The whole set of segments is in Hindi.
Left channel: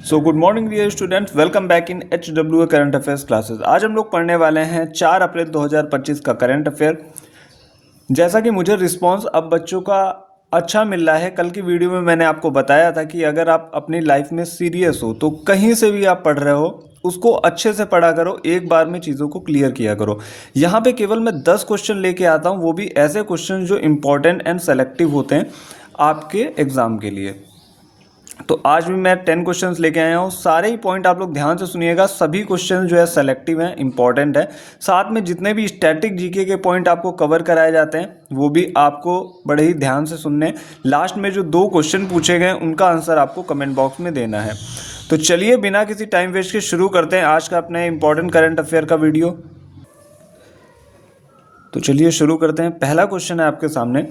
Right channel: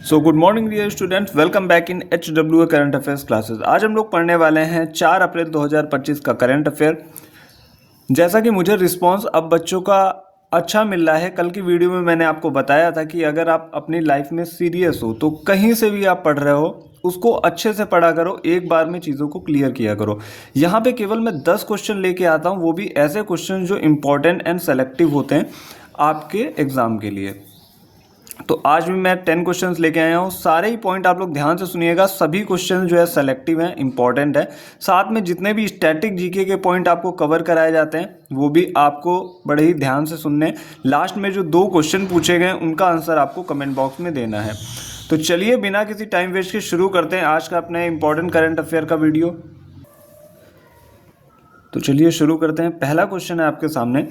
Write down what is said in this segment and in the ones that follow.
Good morning dear students, welcome back in HWA current affairs classes. आज हम लोग पढ़ने वाले हैं 4 अप्रैल 2025 का करंट अफेयर। जैसा कि मुझे रिस्पांस अब बच्चों का अच्छा मिल रहा है, कल की वीडियो में मैंने आपको बताया था कि अगर आप अपनी लाइफ में सीरियस हो तो कहीं से भी आप पढ़ रहे हो उसको अच्छे से पढ़ा करो, एक बार में चीज़ों को क्लियर किया करो। यहाँ पे केवल मैं 10 क्वेश्चन लेके आता हूँ, वो भी ऐसे क्वेश्चन जो इंपॉर्टेंट एंड सेलेक्टिव होते हैं आपके एग्जाम के लिए। तो आज भी मैं 10 क्वेश्चंस लेके आया हूँ। सारे ही पॉइंट आप लोग ध्यान से सुनिएगा। सभी क्वेश्चन जो है सेलेक्टिव हैं, इंपॉर्टेंट है। साथ में जितने भी स्टैटिक जीके के पॉइंट आपको कवर कराए जाते हैं वो भी आपको बड़े ही ध्यान से सुनने। लास्ट में जो 2 क्वेश्चन पूछे गए उनका आंसर आपको कमेंट बॉक्स में देना है। तो चलिए बिना किसी टाइम वेस्ट के शुरू करते हैं आज का अपने इंपॉर्टेंट करंट अफेयर का वीडियो। तो चलिए शुरू करते हैं। पहला क्वेश्चन है आपके सामने,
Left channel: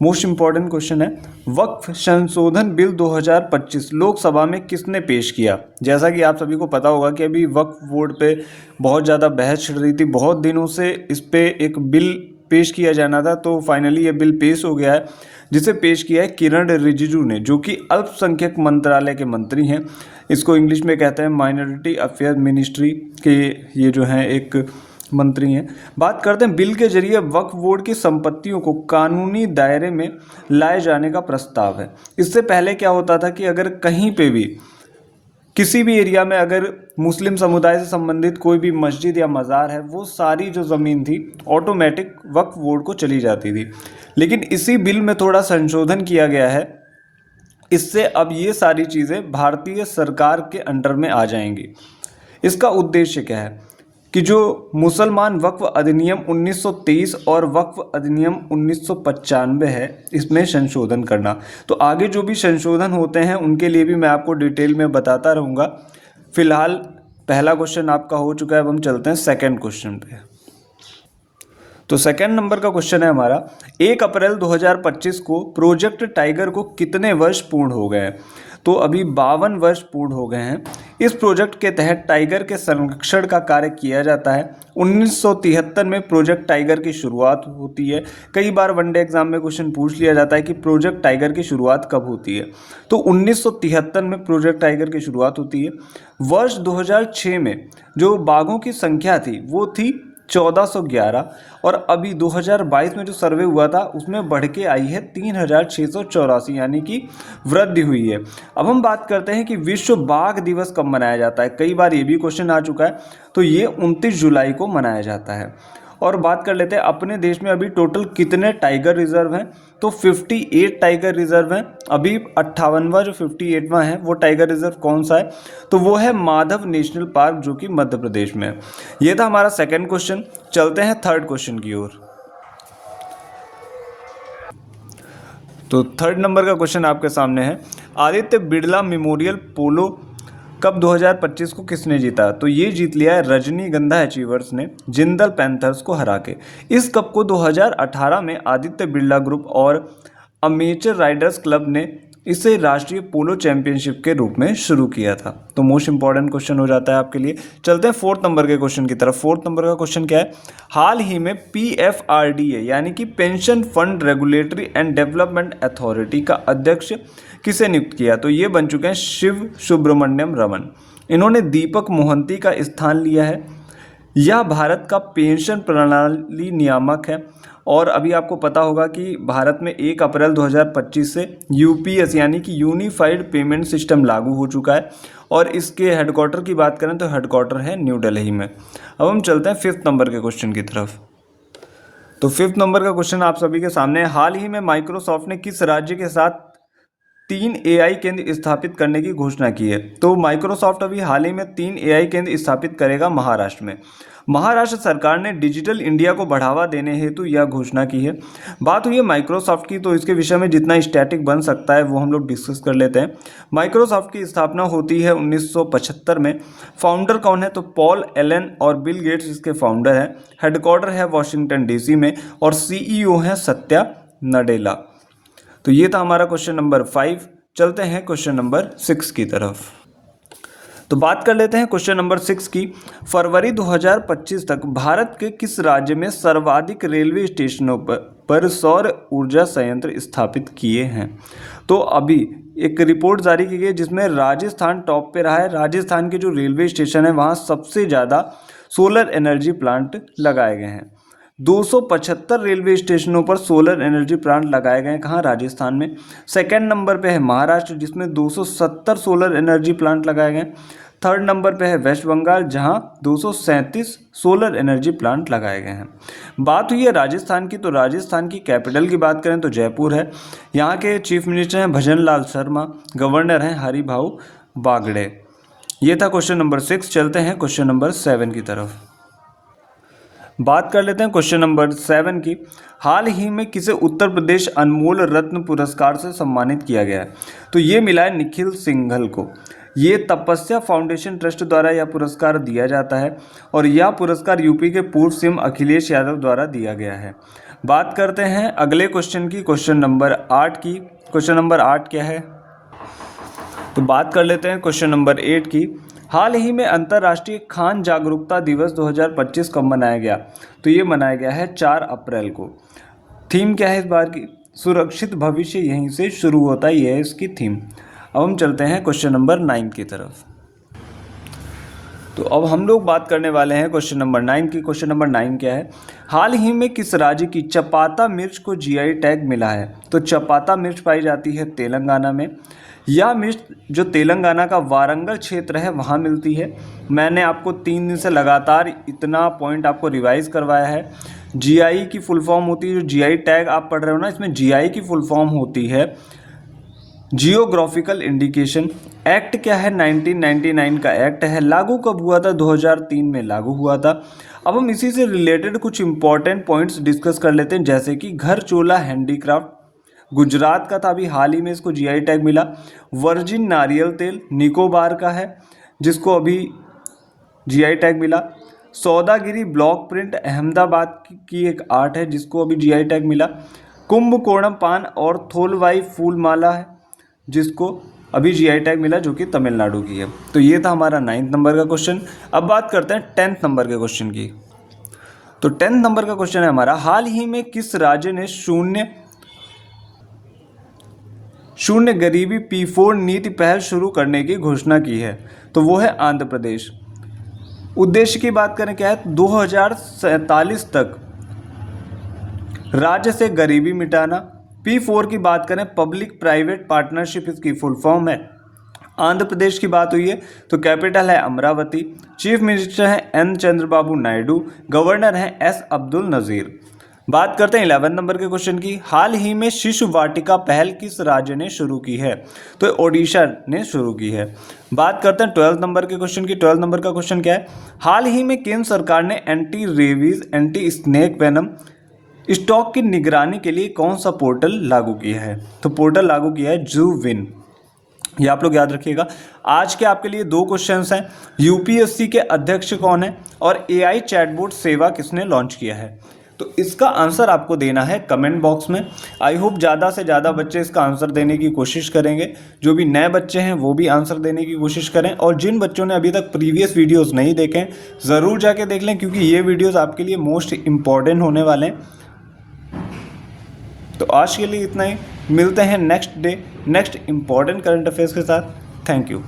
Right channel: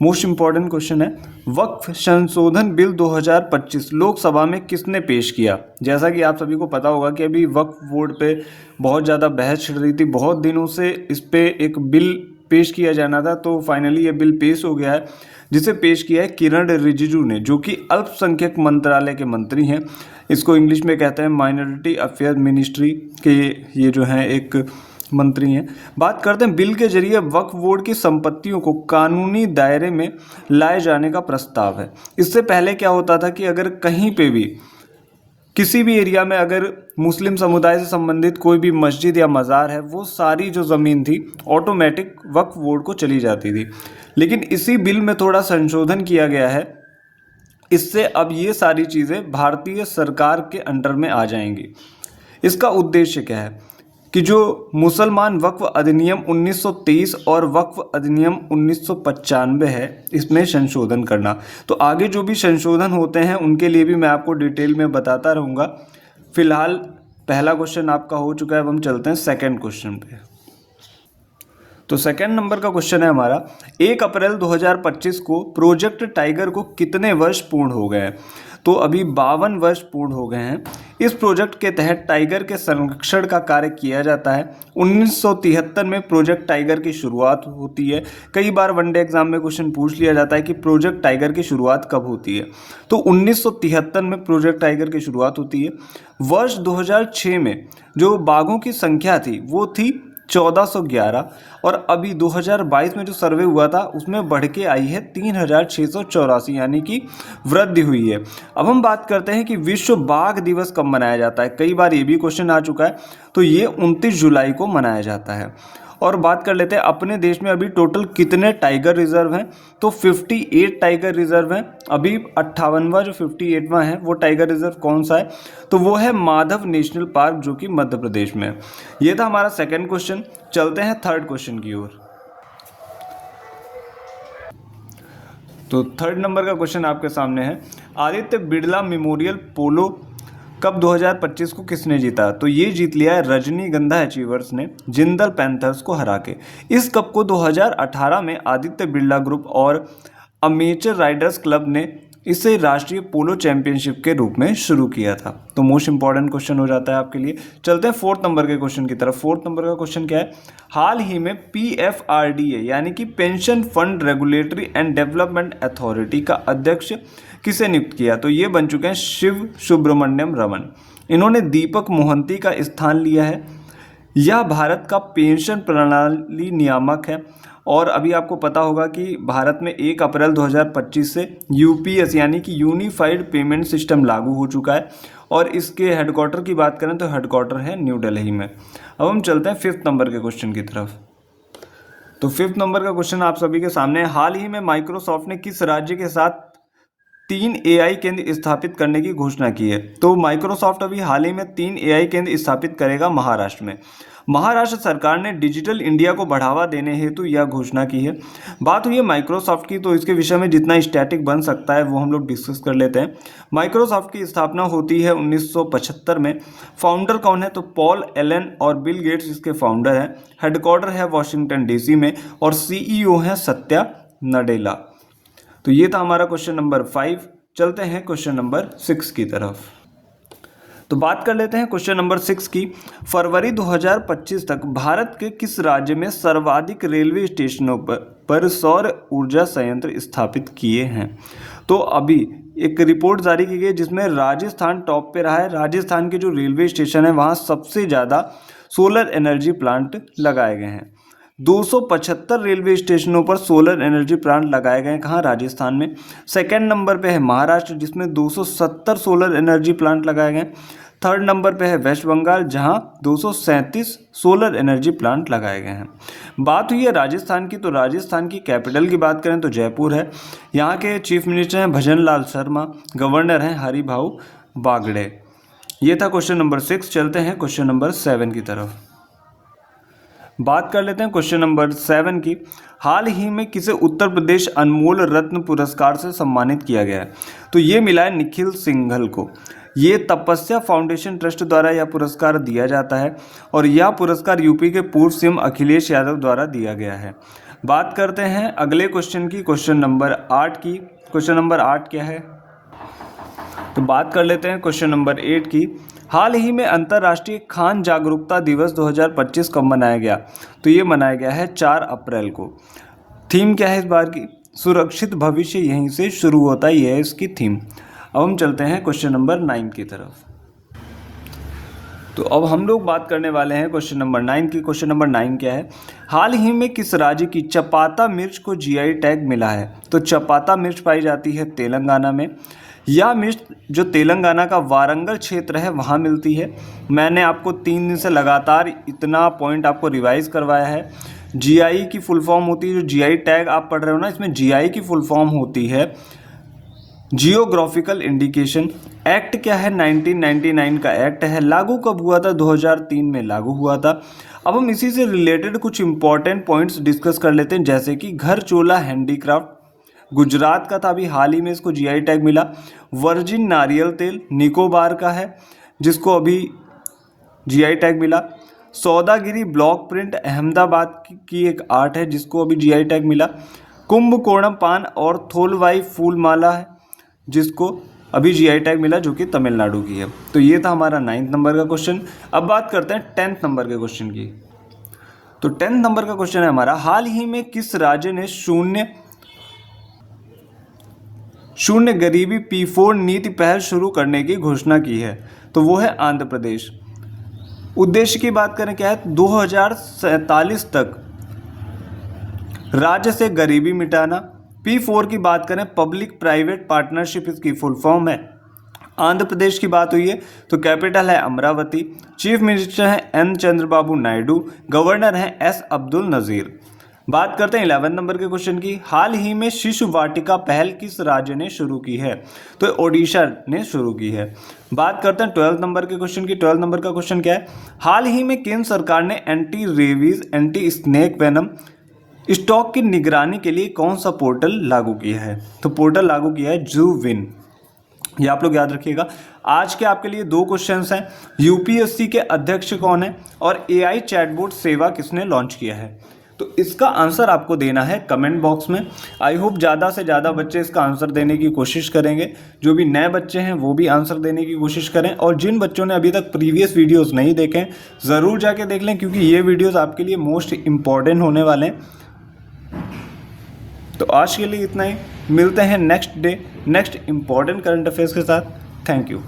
मोस्ट इंपॉर्टेंट क्वेश्चन है, वक्फ संशोधन बिल 2025 लोकसभा में किसने पेश किया। जैसा कि आप सभी को पता होगा कि अभी वक्फ बोर्ड पे बहुत ज़्यादा बहस छिड़ रही थी, बहुत दिनों से इस पे एक बिल पेश किया जाना था, तो फाइनली ये बिल पेश हो गया है, जिसे पेश किया है किरण रिजिजू ने, जो कि अल्पसंख्यक मंत्रालय के मंत्री हैं। इसको इंग्लिश में कहते हैं माइनॉरिटी अफेयर मिनिस्ट्री के ये जो हैं एक मंत्री हैं। बात करते हैं बिल के जरिए वक्फ बोर्ड की संपत्तियों को कानूनी दायरे में लाए जाने का प्रस्ताव है। इससे पहले क्या होता था कि अगर कहीं पे भी किसी भी एरिया में अगर मुस्लिम समुदाय से संबंधित कोई भी मस्जिद या मज़ार है, वो सारी जो ज़मीन थी ऑटोमेटिक वक्फ बोर्ड को चली जाती थी। लेकिन इसी बिल में थोड़ा संशोधन किया गया है, इससे अब ये सारी चीज़ें भारतीय सरकार के अंडर में आ जाएंगी। इसका उद्देश्य क्या है कि जो मुसलमान वक्फ अधिनियम 1923 और वक्फ अधिनियम 1995 है, इसमें संशोधन करना। तो आगे जो भी संशोधन होते हैं उनके लिए भी मैं आपको डिटेल में बताता रहूँगा। फिलहाल पहला क्वेश्चन आपका हो चुका है, अब हम चलते हैं सेकंड क्वेश्चन पे। तो सेकंड नंबर का क्वेश्चन है हमारा, 1 अप्रैल 2025 को प्रोजेक्ट टाइगर को कितने वर्ष पूर्ण हो गए हैं। तो अभी 52 वर्ष पूर्ण हो गए हैं। इस प्रोजेक्ट के तहत टाइगर के संरक्षण का कार्य किया जाता है। 1973 में प्रोजेक्ट टाइगर की शुरुआत होती है। कई बार वनडे एग्जाम में क्वेश्चन पूछ लिया जाता है कि प्रोजेक्ट टाइगर की शुरुआत कब होती है, तो 1973 में प्रोजेक्ट टाइगर की शुरुआत होती है। वर्ष 2006 में जो बाघों की संख्या थी वो थी 1411, और अभी 2022 में जो सर्वे हुआ था उसमें बढ़ के आई है 3684, यानी कि वृद्धि हुई है। अब हम बात करते हैं कि विश्व बाघ दिवस कब मनाया जाता है। कई बार ये भी क्वेश्चन आ चुका है, तो ये 29 जुलाई को मनाया जाता है। और बात कर लेते हैं अपने देश में अभी टोटल कितने टाइगर रिजर्व हैं। तो 58 टाइगर रिजर्व हैं। अभी 58वां जो 58वां है वो टाइगर रिजर्व कौन सा है, तो वो है माधव नेशनल पार्क, जो कि मध्य प्रदेश में है। ये था हमारा सेकंड क्वेश्चन। चलते हैं थर्ड क्वेश्चन की ओर। तो थर्ड नंबर का क्वेश्चन आपके सामने है, आदित्य बिरला मेमोरियल पोलो कप 2025 को किसने जीता। तो ये जीत लिया है रजनीगंधा अचीवर्स ने जिंदल पैंथर्स को हरा के। इस कप को 2018 में आदित्य बिरला ग्रुप और अमेचर राइडर्स क्लब ने इसे राष्ट्रीय पोलो चैंपियनशिप के रूप में शुरू किया था। तो मोस्ट इंपॉर्टेंट क्वेश्चन हो जाता है आपके लिए। चलते हैं फोर्थ नंबर के क्वेश्चन की तरफ। फोर्थ नंबर का क्वेश्चन क्या है, हाल ही में PFRDA यानी कि pension fund regulatory and development authority का अध्यक्ष किसे नियुक्त किया। तो ये बन चुके हैं शिव सुब्रमण्यम रमन। इन्होंने दीपक मोहंती का स्थान लिया है। यह भारत का पेंशन प्रणाली नियामक है, और अभी आपको पता होगा कि भारत में 1 अप्रैल 2025 से UPS यानी कि यूनिफाइड पेमेंट सिस्टम लागू हो चुका है, और इसके हेडक्वार्टर की बात करें तो हेडक्वार्टर है न्यू दिल्ली में। अब हम चलते हैं फिफ्थ नंबर के क्वेश्चन की तरफ। तो फिफ्थ नंबर का क्वेश्चन आप सभी के सामने है, हाल ही में माइक्रोसॉफ्ट ने किस राज्य के साथ 3 AI केंद्र स्थापित करने की घोषणा की है। तो माइक्रोसॉफ्ट अभी हाल ही में 3 AI केंद्र स्थापित करेगा महाराष्ट्र में। महाराष्ट्र सरकार ने डिजिटल इंडिया को बढ़ावा देने हेतु यह घोषणा की है। बात हुई है माइक्रोसॉफ्ट की, तो इसके विषय में जितना स्टैटिक बन सकता है वो हम लोग डिस्कस कर लेते हैं। माइक्रोसॉफ्ट की स्थापना होती है 1975 में। फाउंडर कौन है, तो पॉल एलन और बिल गेट्स इसके फाउंडर हैं। हेडक्वार्टर है वॉशिंगटन DC में, और CEO हैं सत्या नडेला। तो ये था हमारा क्वेश्चन नंबर 5। चलते हैं क्वेश्चन नंबर 6 की तरफ। तो बात कर लेते हैं क्वेश्चन नंबर 6 की। फरवरी 2025 तक भारत के किस राज्य में सर्वाधिक रेलवे स्टेशनों पर सौर ऊर्जा संयंत्र स्थापित किए हैं। तो अभी एक रिपोर्ट जारी की गई जिसमें राजस्थान टॉप पे रहा है। राजस्थान के जो रेलवे स्टेशन है वहाँ सबसे ज़्यादा सोलर एनर्जी प्लांट लगाए गए हैं। 275 रेलवे स्टेशनों पर सोलर एनर्जी प्लांट लगाए गए हैं। कहाँ? राजस्थान में। सेकंड नंबर पे है महाराष्ट्र जिसमें 270 सोलर एनर्जी प्लांट लगाए गए हैं। थर्ड नंबर पे है वेस्ट बंगाल जहां 237 सोलर एनर्जी प्लांट लगाए गए हैं। बात हुई है राजस्थान की, तो राजस्थान की कैपिटल की बात करें तो जयपुर है। यहाँ के चीफ मिनिस्टर हैं भजन लाल शर्मा, गवर्नर हैं हरिभाऊ बागड़े। ये था क्वेश्चन नंबर 6। चलते हैं क्वेश्चन नंबर 7 की तरफ। बात कर लेते हैं क्वेश्चन नंबर 7 की। हाल ही में किसे उत्तर प्रदेश अनमोल रत्न पुरस्कार से सम्मानित किया गया है? तो ये मिला है निखिल सिंघल को। ये तपस्या फाउंडेशन ट्रस्ट द्वारा यह पुरस्कार दिया जाता है और यह पुरस्कार यूपी के पूर्व सीएम अखिलेश यादव द्वारा दिया गया है। बात करते हैं अगले क्वेश्चन की, क्वेश्चन नंबर 8 की। क्वेश्चन नंबर 8 क्या है? तो बात कर लेते हैं क्वेश्चन नंबर 8 की। हाल ही में अंतर्राष्ट्रीय खान जागरूकता दिवस 2025 कब मनाया गया? तो ये मनाया गया है 4 अप्रैल को। थीम क्या है इस बार की? सुरक्षित भविष्य यहीं से शुरू होता है, यह है इसकी थीम। अब हम चलते हैं क्वेश्चन नंबर 9 की तरफ। तो अब हम लोग बात करने वाले हैं क्वेश्चन नंबर 9 की। क्वेश्चन नंबर 9 क्या है? हाल ही में किस राज्य की चपाता मिर्च को जीआई टैग मिला है? तो चपाता मिर्च पाई जाती है तेलंगाना में। यह मिर्च जो तेलंगाना का वारंगल क्षेत्र है वहाँ मिलती है। मैंने आपको 3 दिन से लगातार इतना पॉइंट आपको रिवाइज करवाया है। जीआई की फुल फॉर्म होती है, जो जीआई टैग आप पढ़ रहे हो ना, इसमें जीआई की फुल फॉर्म होती है जियोग्राफिकल इंडिकेशन। एक्ट क्या है? 1999 का एक्ट है। लागू कब हुआ था? 2003 में लागू हुआ था। अब हम इसी से रिलेटेड कुछ इंपॉर्टेंट पॉइंट्स डिस्कस कर लेते हैं, जैसे कि घर चोला हैंडीक्राफ्ट गुजरात का था, अभी हाल ही में इसको जीआई टैग मिला। वर्जिन नारियल तेल निकोबार का है जिसको अभी जीआई टैग मिला। सौदागिरी ब्लॉक प्रिंट अहमदाबाद की एक आर्ट है जिसको अभी जीआई टैग मिला। कुंभकोणम पान और थोलवाई फूल माला है जिसको अभी जीआई टैग मिला, जो कि तमिलनाडु की है। तो ये था हमारा 9th नंबर का क्वेश्चन। अब बात करते हैं 10th नंबर के क्वेश्चन की। तो 10th नंबर का क्वेश्चन है हमारा, हाल ही में किस राज्य ने शून्य गरीबी P4 नीति पहल शुरू करने की घोषणा की है? तो वो है आंध्र प्रदेश। उद्देश्य की बात करें क्या है? 2047 तक राज्य से गरीबी मिटाना। P4 की बात करें पब्लिक प्राइवेट पार्टनरशिप, इसकी फुल फॉर्म है। आंध्र प्रदेश की बात हुई है तो कैपिटल है अमरावती। चीफ मिनिस्टर है एन चंद्रबाबू नायडू, गवर्नर है एस अब्दुल नज़ीर। बात करते हैं 11 नंबर के क्वेश्चन की। हाल ही में शिशु वाटिका पहल किस राज्य ने शुरू की है? तो ओडिशा ने शुरू की है। बात करते हैं 12 नंबर के क्वेश्चन की। 12 नंबर का क्वेश्चन क्या है? हाल ही में केंद्र सरकार ने anti rabies anti snake venom stock की निगरानी के लिए कौन सा पोर्टल लागू किया है? तो पोर्टल लागू किया है जूविन। ये आप लोग याद रखिएगा। आज के आपके लिए 2 क्वेश्चंस हैं। यूपीएससी के अध्यक्ष कौन है और एआई चैटबॉट सेवा किसने लॉन्च किया है? तो इसका आंसर आपको देना है कमेंट बॉक्स में। आई होप ज़्यादा से ज़्यादा बच्चे इसका आंसर देने की कोशिश करेंगे। जो भी नए बच्चे हैं वो भी आंसर देने की कोशिश करें, और जिन बच्चों ने अभी तक प्रीवियस वीडियोस नहीं देखे ज़रूर जाके देख लें, क्योंकि ये वीडियोस आपके लिए मोस्ट इम्पॉर्टेंट होने वाले हैं। तो आज के लिए इतना ही। मिलते हैं next day next important current affairs के साथ। Thank you.